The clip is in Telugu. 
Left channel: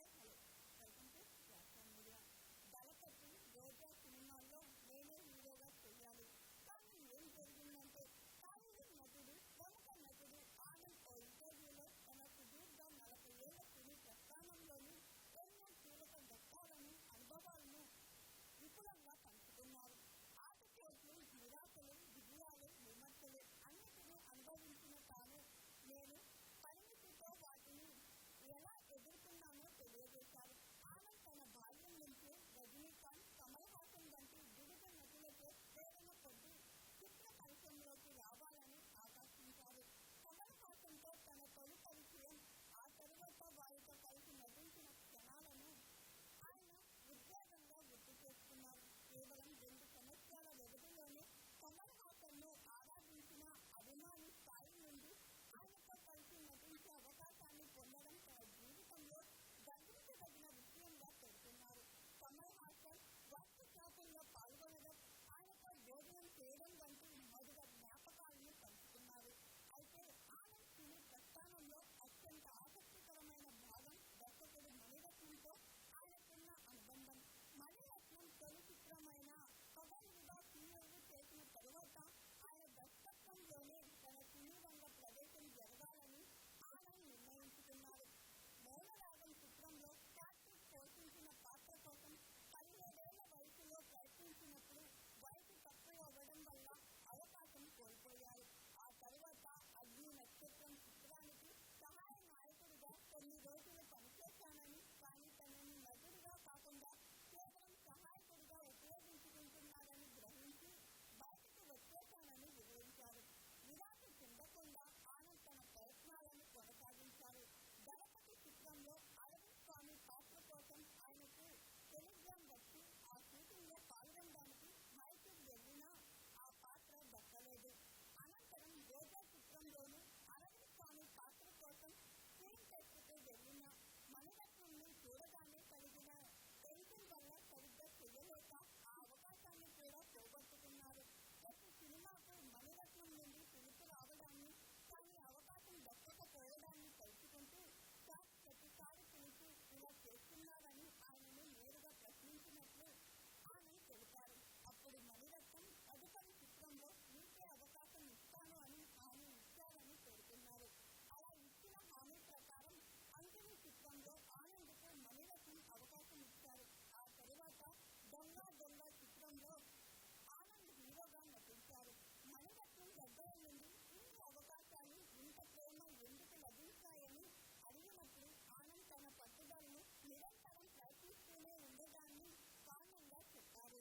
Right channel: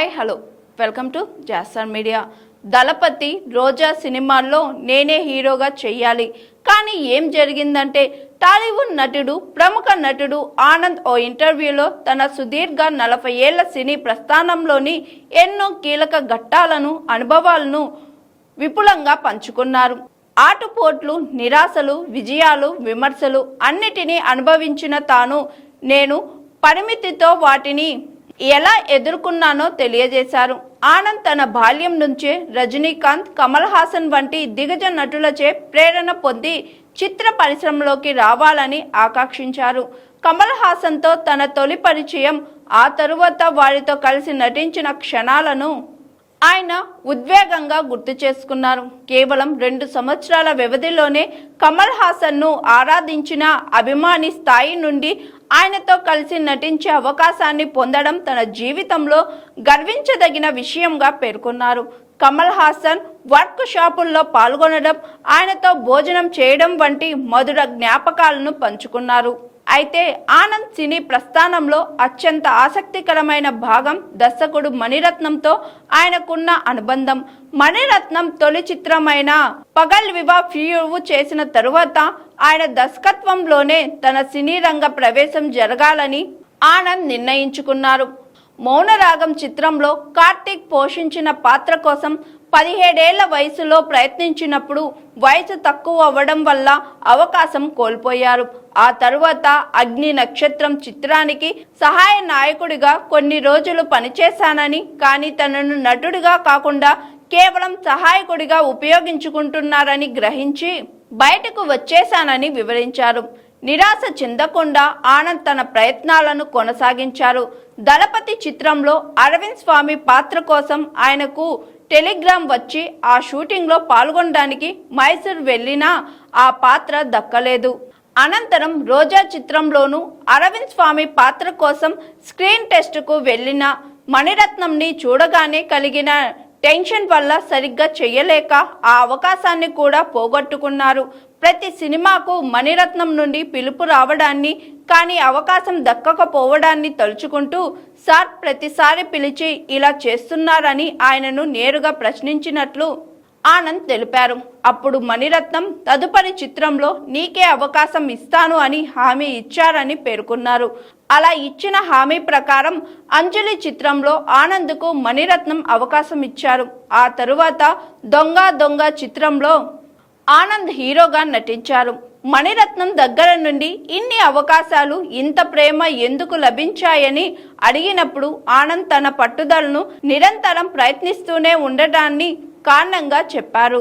హాయ్ హలో వెల్కమ్ టు జాస్టర్ మీడియా. దళపతి రోజా సినిమాల్లో నేనే హీరోగా చెయ్యాలి, కానీ ఏం జరిగిందంటే టాలీవుడ్ నటుడు ప్రముఖ నటుడు ఆనంద్ ఓ ఇంటర్వ్యూలో తన సుదీర్ఘ 40 ఏళ్ల సినీ ప్రస్థానంలోని ఎన్నో కీలక ఘట్టాలను అనుభవాలను విపులంగా పంచుకున్నారు. ఆటుపోట్లు, నిరాశలు, విజయాలు, విమర్శలు అన్నిటినీ అనుభవించిన తాను నేను పరిమితితో వాటిని ఎలా ఎదుర్కొన్నానో తెలియజేశారు. ఆనంద్ తన బాల్యం నుంచే రజనీకాంత్, కమల్ హాసన్ వంటి దిగ్గజ నటులచే ప్రేరణ పొంది చిత్ర పరిశ్రమలోకి రావాలని ఆకాంక్షించారు. కమల్ హాసన్తో తన తొలి పరిచయం, ఆ తరువాత వారితో కలిసి నటించిన క్షణాలను ఆయన ఉద్వేగంగా గుర్తు చేసుకున్నారు. కేవలం 2 సంవత్సరాల వ్యవధిలోనే కమల్ హాసన్ను ఆరాధించిన అభిమాని స్థాయి నుండి ఆయనతో కలిసి నటించే అవకాశాన్ని పొందడం తన జీవితంలో గర్వించదగిన విషయంగా పేర్కొన్నారు. కమల్ హాసన్ వర్క్ షాపుల్లో పాల్గొనడం, ఆయనతో భోజనం చేయడం వంటి మధుర జ్ఞాపకాలను పంచుకున్నారు. అయితే ఆనంద్ సినీ ప్రస్థానంలో అత్యంత ఆసక్తికరమైన భాగం దర్శకుడు మణిరత్నంతో ఆయనకున్న అనుబంధం. మణిరత్నం తొలి చిత్రమైన పగల్ వివా ఫియూ చేసిన తరువాత ఆయన దర్శకత్వంలోనే తన సినీ రంగ ప్రవేశం జరగాలని ఆనంద్ నిర్ణయించుకున్నారు. మౌనరాగం చిత్రంలో కార్తీక్ పోషించిన పాత్ర కోసం 17 ఏళ్ల వయసులో ప్రయత్నించినప్పుడు వయసు తక్కువ అవ్వడం వల్ల అవకాశం కోల్పోయారు. ఆ తరువాత అగ్ని నక్షత్రం చిత్రానికి సహాయ నాయకుడిగా కొన్ని రోజులు పనిచేశానని, కానీ తనను నటుడిగా కాకుండా కేవలం సహాయకుడిగా ఉపయోగించుకుంటున్నారని గ్రహించి బయటకు వచ్చేశానని వివరించారు. నిరాశ చెందకుండా ఆనంద్ తన ప్రయత్నాలను కొనసాగించారు. దళపతి చిత్రంలో అరవింద్ స్వామి పాత్ర కోసం ఆయనకు టెలిగ్రామ్ వచ్చి ఆ షూటింగ్లో పాల్గొనడానికి మైసూర్ వెళ్ళినా ఆ పాత్ర దక్కలేదు. అనంతరం రోజా చిత్రంలోనూ అరవింద్ స్వామి పాత్ర కోసం స్క్రీన్ టెస్ట్కు వెళ్ళిన మణిరత్నంని చూడగానే కలిగిన టెన్షన్ వల్ల సరిగ్గా చేయలేక ఆ అవకాశాన్ని కూడా పోగొట్టుకున్నారు. ప్రతి సినిమాకు మణిరత్నం నుండి పిలుపు రావడాన్ని, కానీ అవకాశం దక్కకపోవడాన్ని తలుచుకుంటూ సార్ ప్రతిసారి పిలిచి ఇలా చేస్తున్నారని ఆయనను నేరుగా ప్రశ్నించినట్లు ఆనంద్ తెలిపారు. అప్పుడు మణిరత్నం తదుపరి చిత్రంలో నీకే అవకాశం ఇస్తాను అని హామీ ఇచ్చారని పేర్కొన్నారు. అలా ఇచ్చిన హామీ ప్రకారం అంజలి చిత్రంలో ఆనంద్కు మణిరత్నం అవకాశం ఇచ్చారు. ఆ తరువాత దొంగ దొంగ చిత్రంలో ఆనంద్ హీరోగా నటించారు. మణిరత్నం దగ్గర నుండి ఇన్ని అవకాశాలు, ఇంత ప్రేమ ఎందుకు లభించాయని అడిగినప్పుడు ఆనంద్ తన పట్టుదలను నిరంతరం ప్రయత్నిస్తూనే ఉండడాన్ని కారణంగా చెప్పారు.